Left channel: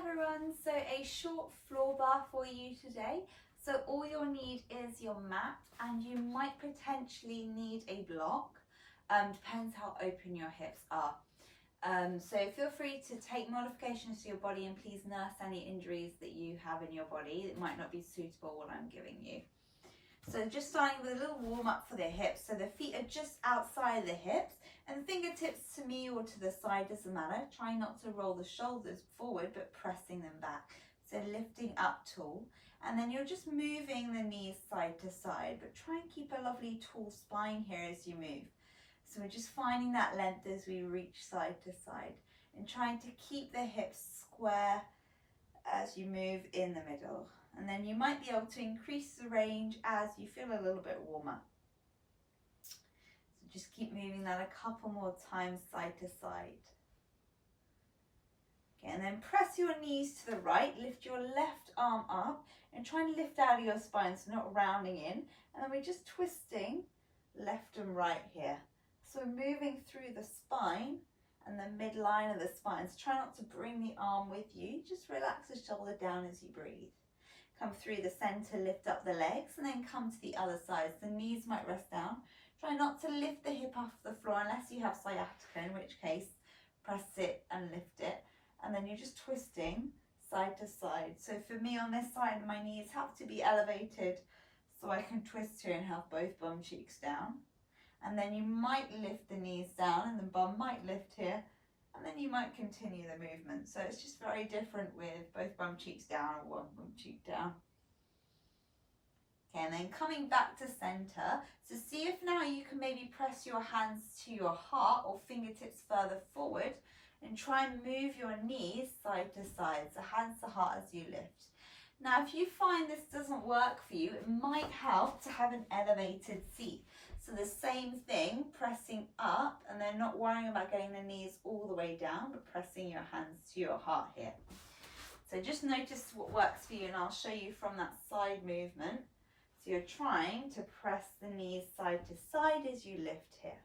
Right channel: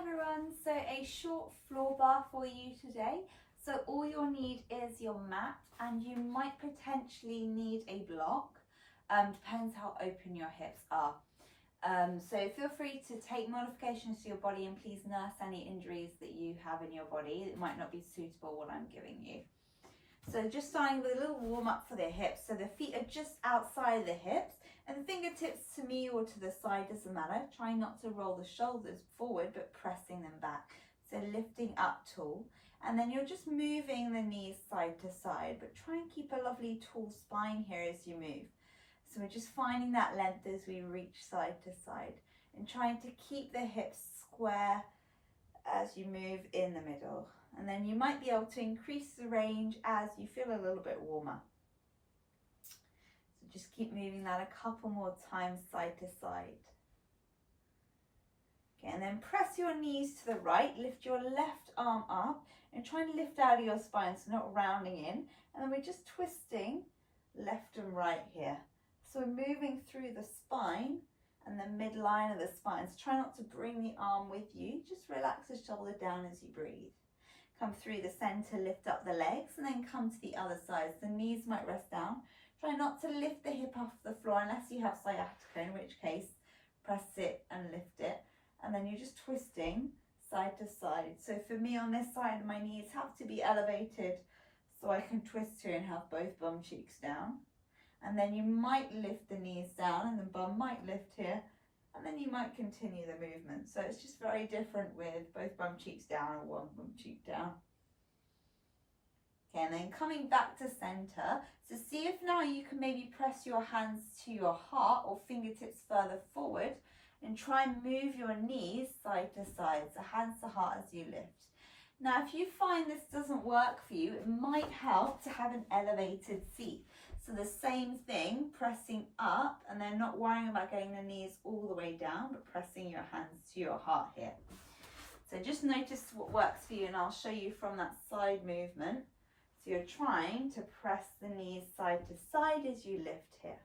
everyone, so a short floor bar for you today. So all you'll need is your mat, and you might potentially need a block, depends how open your hips are. So feel free to take modifications to your body and please nurse any injuries that you have in your body. It might not be suitable what I'm giving you. So just starting with a little warm up for the hips. So the feet are just outside the hips and the fingertips to me or to the side, doesn't matter. Try not to roll the shoulders forward, but pressing them back. So lifting up tall. And then you're just moving the knees side to side, but try and keep a lovely tall spine here as you move. So we're just finding that length as we reach side to side and trying to keep the hips square as you move in the middle. And then you might be able to increase the range as you feel a little bit warmer. So just keep moving that a couple more times side to side. Okay, and then press your knees to the right, lift your left arm up and try and lift out of your spine, so not rounding in. And then we're just twisting left and right here. So we're moving through the spine and the midline of the spine. So try not to bring the arm with you, just relax the shoulder down as you breathe. Come through the center, lift up the legs, and then come to the other side. So the knees might rest down. Try not to lift the hip off the floor unless you have sciatica, in which case press it and lift it. And then you're just twisting side to side. So for me on this side, my knees have to be elevated so I can twist here and have both bum cheeks down. And then you might lift the knees down and the bum might lift here. And then you might continue the movement. So it's just very different with both bum cheeks down or one bum cheek down. Okay, and then coming back to center. So see if now you can maybe press your hands to your heart or fingertips further forward and try and move your knees side to side. So hands to heart as you lift. Now, if you find this doesn't work for you, it might help to have an elevated seat. So the same thing, pressing up and then not worrying about getting the knees all the way down, but pressing your hands to your heart here. So just notice what works for you and I'll show you from that side movement. So you're trying to press the knees side to side as you lift here.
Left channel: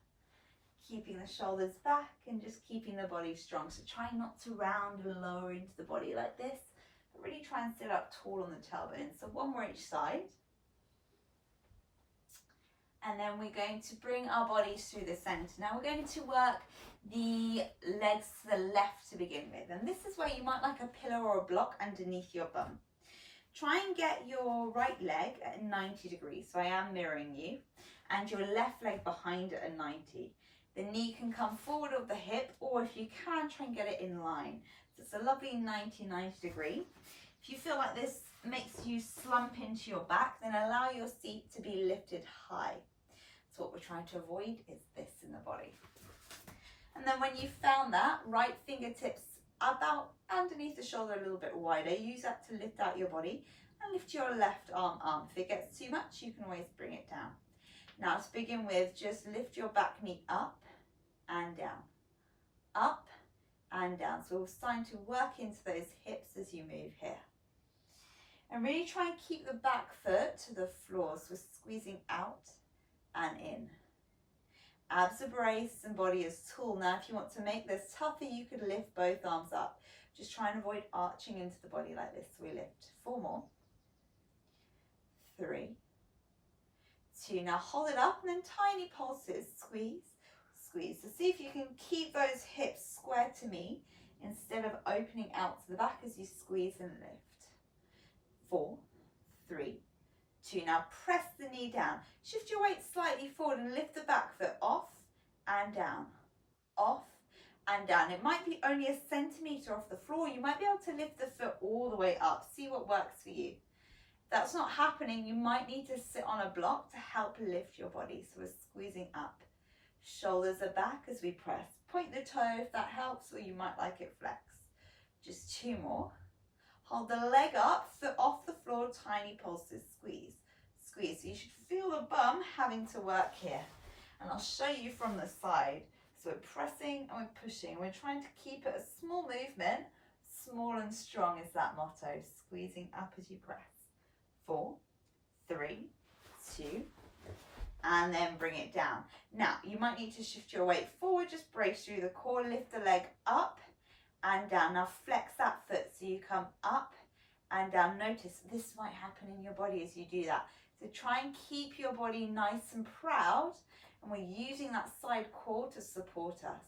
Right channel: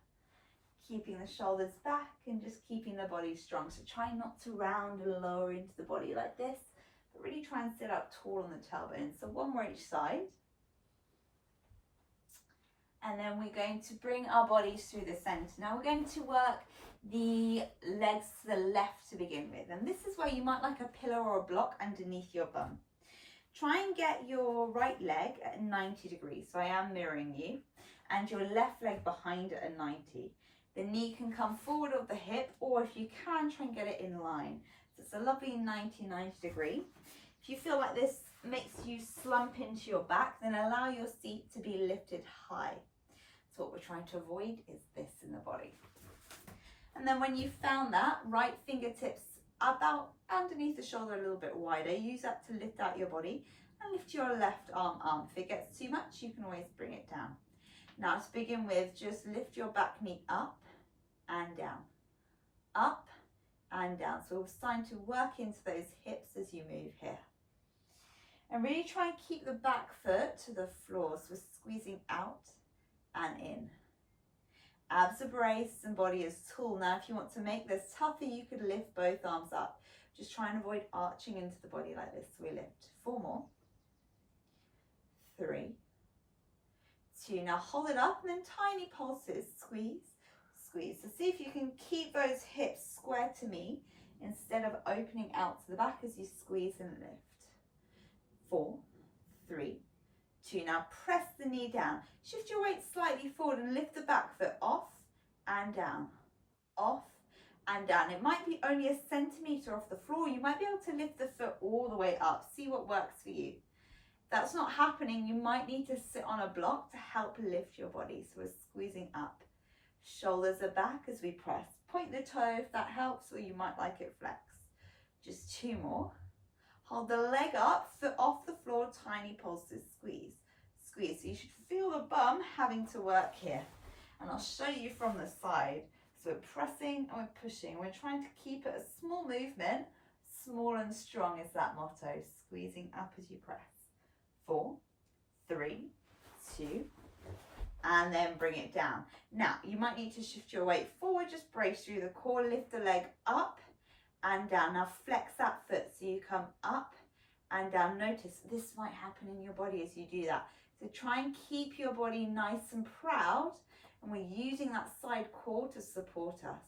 Keeping the shoulders back and just keeping the body strong. So try not to round and lower into the body like this, but really try and sit up tall on the tailbone. So one more each side. And then we're going to bring our bodies through the center. Now we're going to work the legs to the left to begin with. And this is where you might like a pillow or a block underneath your bum. Try and get your right leg at 90 degrees. So I am mirroring you. And your left leg behind it at 90. The knee can come forward of the hip, or if you can, try and get it in line. So it's a lovely 90 degree. If you feel like this makes you slump into your back, then allow your seat to be lifted high. So what we're trying to avoid is this in the body. And then when you've found that, right fingertips about underneath the shoulder a little bit wider. Use that to lift out your body and lift your left arm up. If it gets too much, you can always bring it down. Now to begin with, just lift your back knee up and down, up and down. So we're starting to work into those hips as you move here. And really try and keep the back foot to the floor. So we're squeezing out and in. Abs are braced and body is tall. Now if you want to make this tougher, you could lift both arms up. Just try and avoid arching into the body like this. So we lift 4 more, 3, 2. Now hold it up and then tiny pulses. Squeeze, squeeze. So see if you can keep those hips square to me instead of opening out to the back as you squeeze and lift. 4, 3, 2. Now press the knee down. Shift your weight slightly forward and lift the back foot off and down, off and down. It might be only a centimetre off the floor. You might be able to lift the foot all the way up. See what works for you. If that's not happening, you might need to sit on a block to help lift your body. So we're squeezing up. Shoulders are back as we press. Point the toe if that helps, or you might like it flex. Just 2 more. Hold the leg up, foot off the floor, tiny pulses, squeeze, squeeze. So you should feel the bum having to work here. And I'll show you from the side. So we're pressing and we're pushing. We're trying to keep it a small movement. Small and strong is that motto. Squeezing up as you press. 4, 3, 2, and then bring it down. Now, you might need to shift your weight forward. Just brace through the core, lift the leg up and down. Now flex that foot so you come up and down. Notice this might happen in your body as you do that. So try and keep your body nice and proud, and we're using that side core to support us.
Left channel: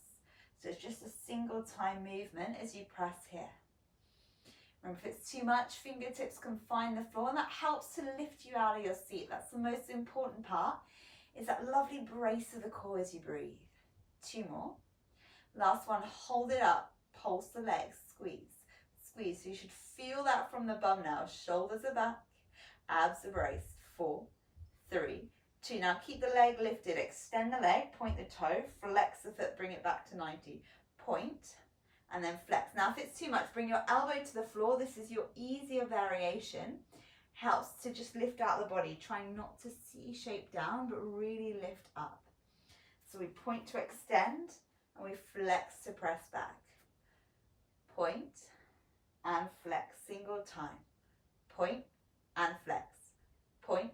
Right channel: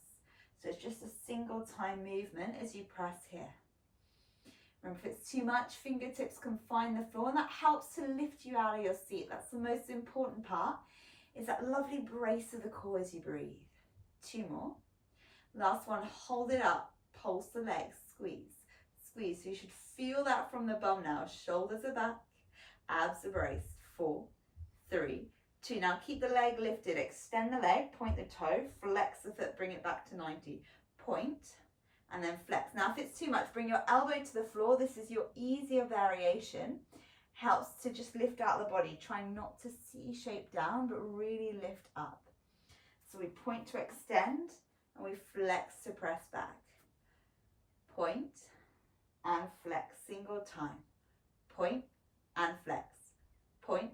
So it's just a single time movement as you press here. Remember, if it's too much, fingertips can find the floor, and that helps to lift you out of your seat. That's the most important part, is that lovely brace of the core as you breathe. 2 more. Last one, hold it up, pulse the legs, squeeze, squeeze. So you should feel that from the bum now. Shoulders are back, abs are braced. 4, 3, 2. Now keep the leg lifted, extend the leg, point the toe, flex the foot, bring it back to 90. Point, and then flex. Now if it's too much, bring your elbow to the floor. This is your easier variation. Helps to just lift out the body, trying not to C-shape down, but really lift up. So we point to extend, and we flex to press back. Point and flex, single time. Point and flex. Point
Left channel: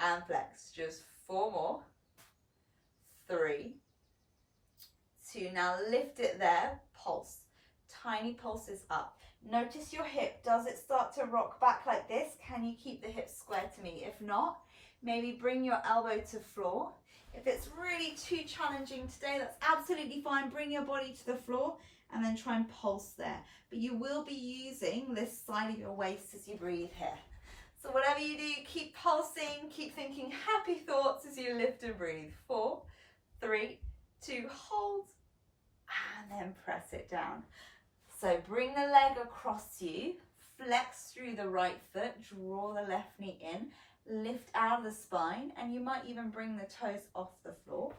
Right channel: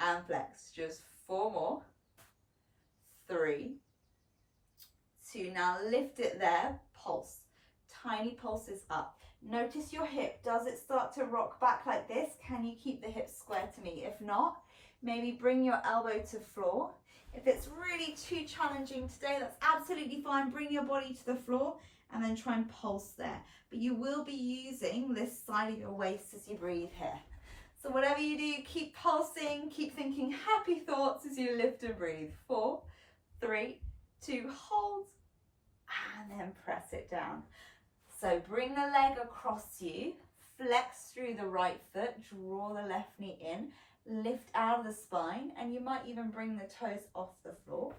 and flex. Just 4 more. 3, 2. Now lift it there, pulse. Tiny pulses up. Notice your hip. Does it start to rock back like this? Can you keep the hips square to me? If not, maybe bring your elbow to floor. If it's really too challenging today, that's absolutely fine. Bring your body to the floor and then try and pulse there. But you will be using this side of your waist as you breathe here. So whatever you do, keep pulsing, keep thinking happy thoughts as you lift and breathe. 4, 3, 2, hold, and then press it down. So bring the leg across you, flex through the right foot, draw the left knee in, lift out of the spine, and you might even bring the toes off the floor.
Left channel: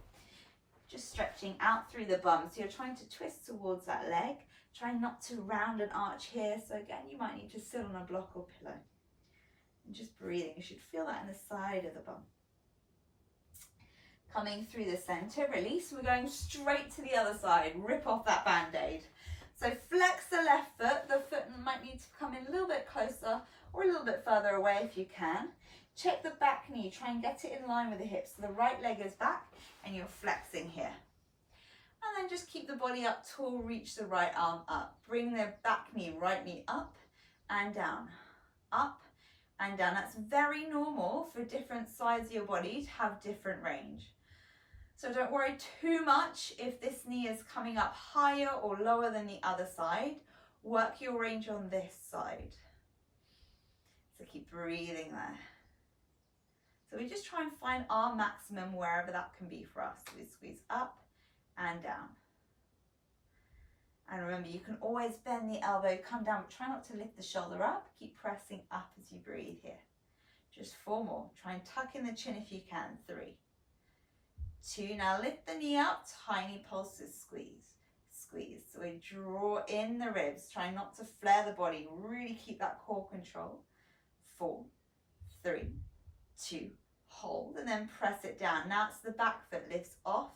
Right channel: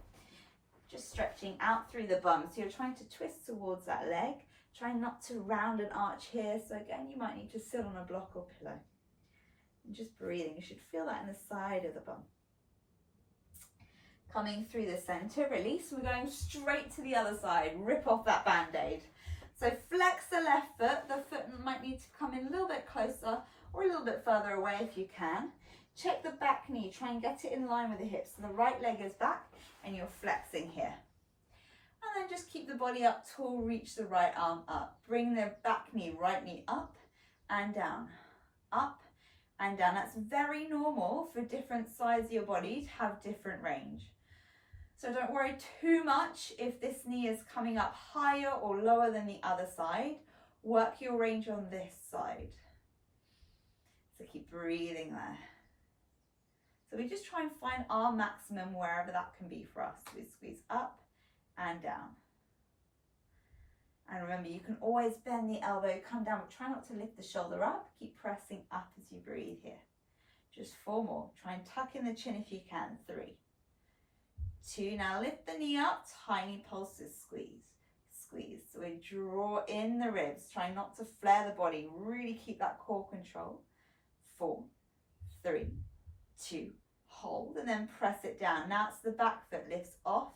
Just stretching out through the bum. So you're trying to twist towards that leg, trying not to round and arch here. So again, you might need to sit on a block or pillow. And just breathing, you should feel that in the side of the bum. Coming through the center, release. We're going straight to the other side. Rip off that band-aid. So flex the left foot. The foot might need to come in a little bit closer or a little bit further away if you can. Check the back knee. Try and get it in line with the hips. So the right leg is back and you're flexing here. And then just keep the body up tall. Reach the right arm up. Bring the back knee, right knee up and down. Up and down. That's very normal for different sides of your body to have different range. So don't worry too much if this knee is coming up higher or lower than the other side. Work your range on this side. So keep breathing there. So we just try and find our maximum wherever that can be for us. So we squeeze up and down. And remember, you can always bend the elbow, come down, but try not to lift the shoulder up. Keep pressing up as you breathe here. Just 4 more. Try and tuck in the chin if you can. 3, 2. Now lift the knee up, tiny pulses, squeeze, squeeze. So we draw in the ribs, try not to flare the body. Really keep that core control. 4, 3, 2. Hold and then press it down. Now it's the back foot lifts off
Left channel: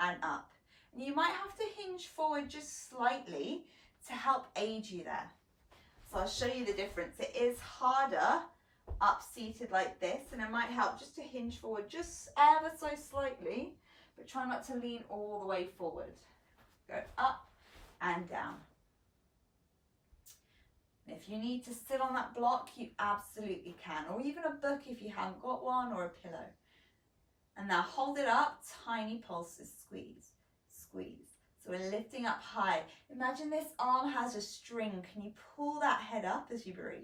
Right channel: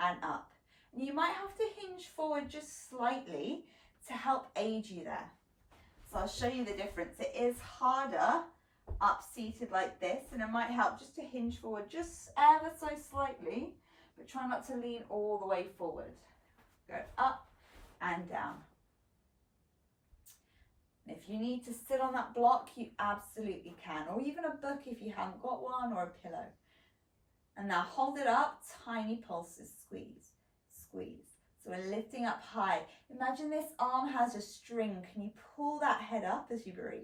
and up. And you might have to hinge forward just slightly to help aid you there. So I'll show you the difference. It is harder up seated like this, and it might help just to hinge forward just ever so slightly, but try not to lean all the way forward. Go up and down. And if you need to sit on that block, you absolutely can, or even a book if you haven't got one, or a pillow. And now hold it up, tiny pulses, squeeze, squeeze. So we're lifting up high. Imagine this arm has a string. Can you pull that head up as you breathe?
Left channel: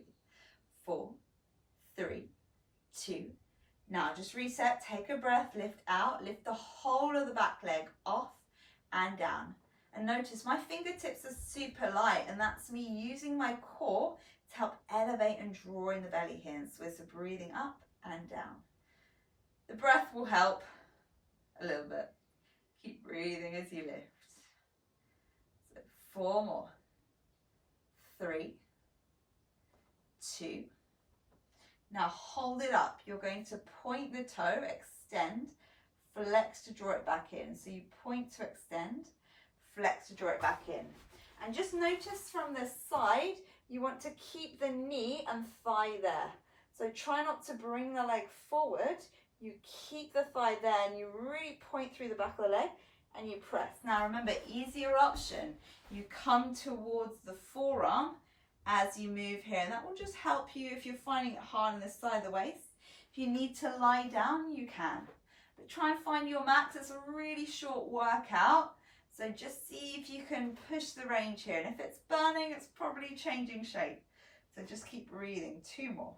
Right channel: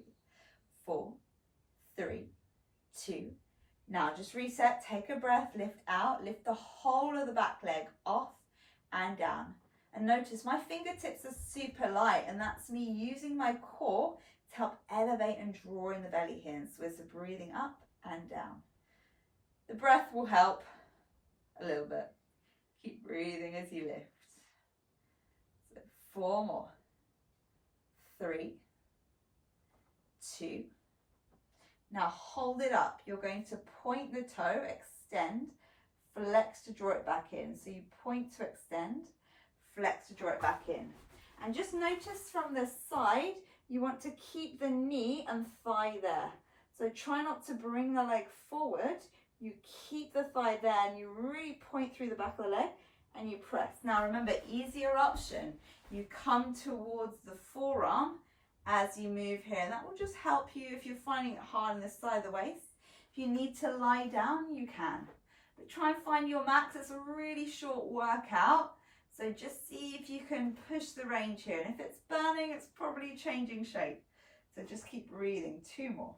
4, 3, 2. Now just reset, take a breath, lift out, lift the whole of the back leg off and down. And notice my fingertips are super light, and that's me using my core to help elevate and draw in the belly here. So we're breathing up and down. The breath will help a little bit. Keep breathing as you lift. So 4 more. 3, 2. Now hold it up. You're going to point the toe, extend, flex to draw it back in. So you point to extend, flex to draw it back in. And just notice from the side, you want to keep the knee and thigh there. So try not to bring the leg forward. You keep the thigh there and you really point through the back of the leg and you press. Now remember, easier option, you come towards the forearm as you move here, and that will just help you if you're finding it hard on this side of the waist. If you need to lie down, you can. But try and find your max. It's a really short workout, so just see if you can push the range here. And if it's burning, it's probably changing shape. So just keep breathing. 2 more.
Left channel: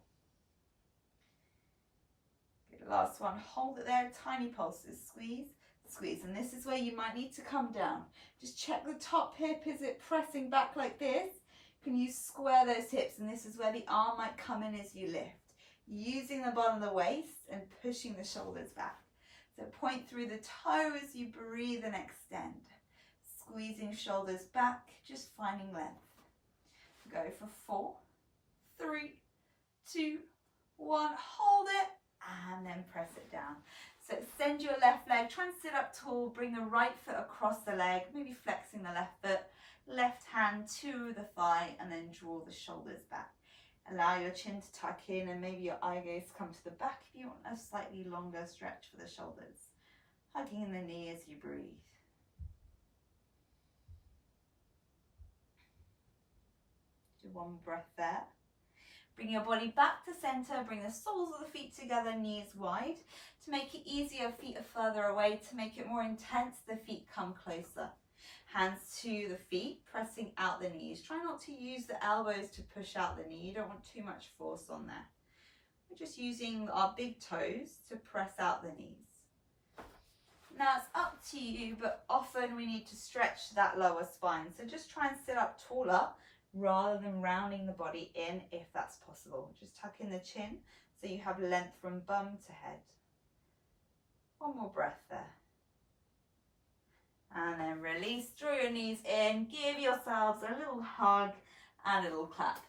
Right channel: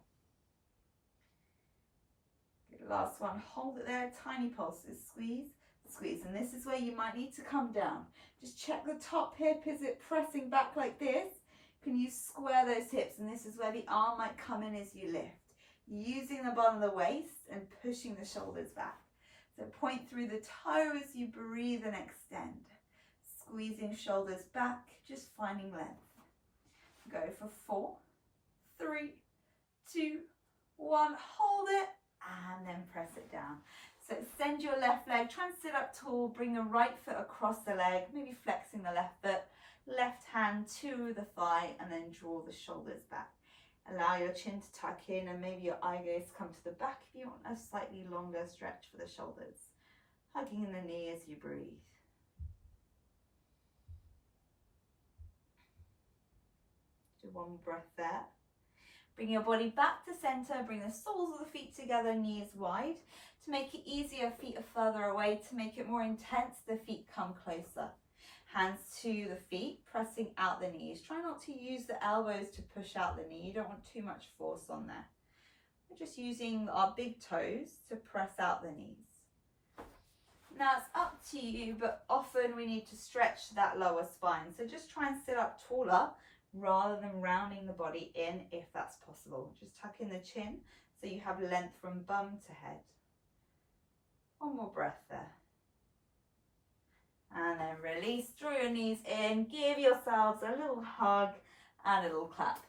Good, last one. Hold it there. Tiny pulses. Squeeze, squeeze. And this is where you might need to come down. Just check the top hip. Is it pressing back like this? Can you square those hips? And this is where the arm might come in as you lift. Using the bottom of the waist and pushing the shoulders back. So point through the toe as you breathe and extend. Squeezing shoulders back, just finding length. Go for 4, 3, 2, 1. Hold it and then press it down. So extend your left leg, try and sit up tall, bring the right foot across the leg, maybe flexing the left foot, left hand to the thigh, and then draw the shoulders back. Allow your chin to tuck in and maybe your eye gaze come to the back if you want a slightly longer stretch for the shoulders. Hugging in the knee as you breathe. Do 1 more breath there. Bring your body back to center, bring the soles of the feet together, knees wide. To make it easier, feet are further away. To make it more intense, the feet come closer. Hands to the feet, pressing out the knees. Try not to use the elbows to push out the knee. You don't want too much force on there. We're just using our big toes to press out the knees. Now it's up to you, but often we need to stretch that lower spine. So just try and sit up taller rather than rounding the body in if that's possible. Just tuck in the chin so you have length from bum to head. 1 more breath there. And then release, draw your knees in, give yourselves a little hug and a little clap.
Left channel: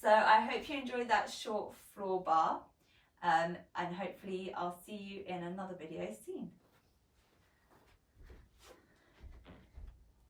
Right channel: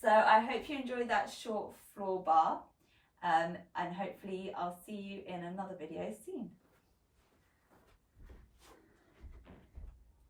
So I hope you enjoyed that short floor bar, and hopefully I'll see you in another video soon.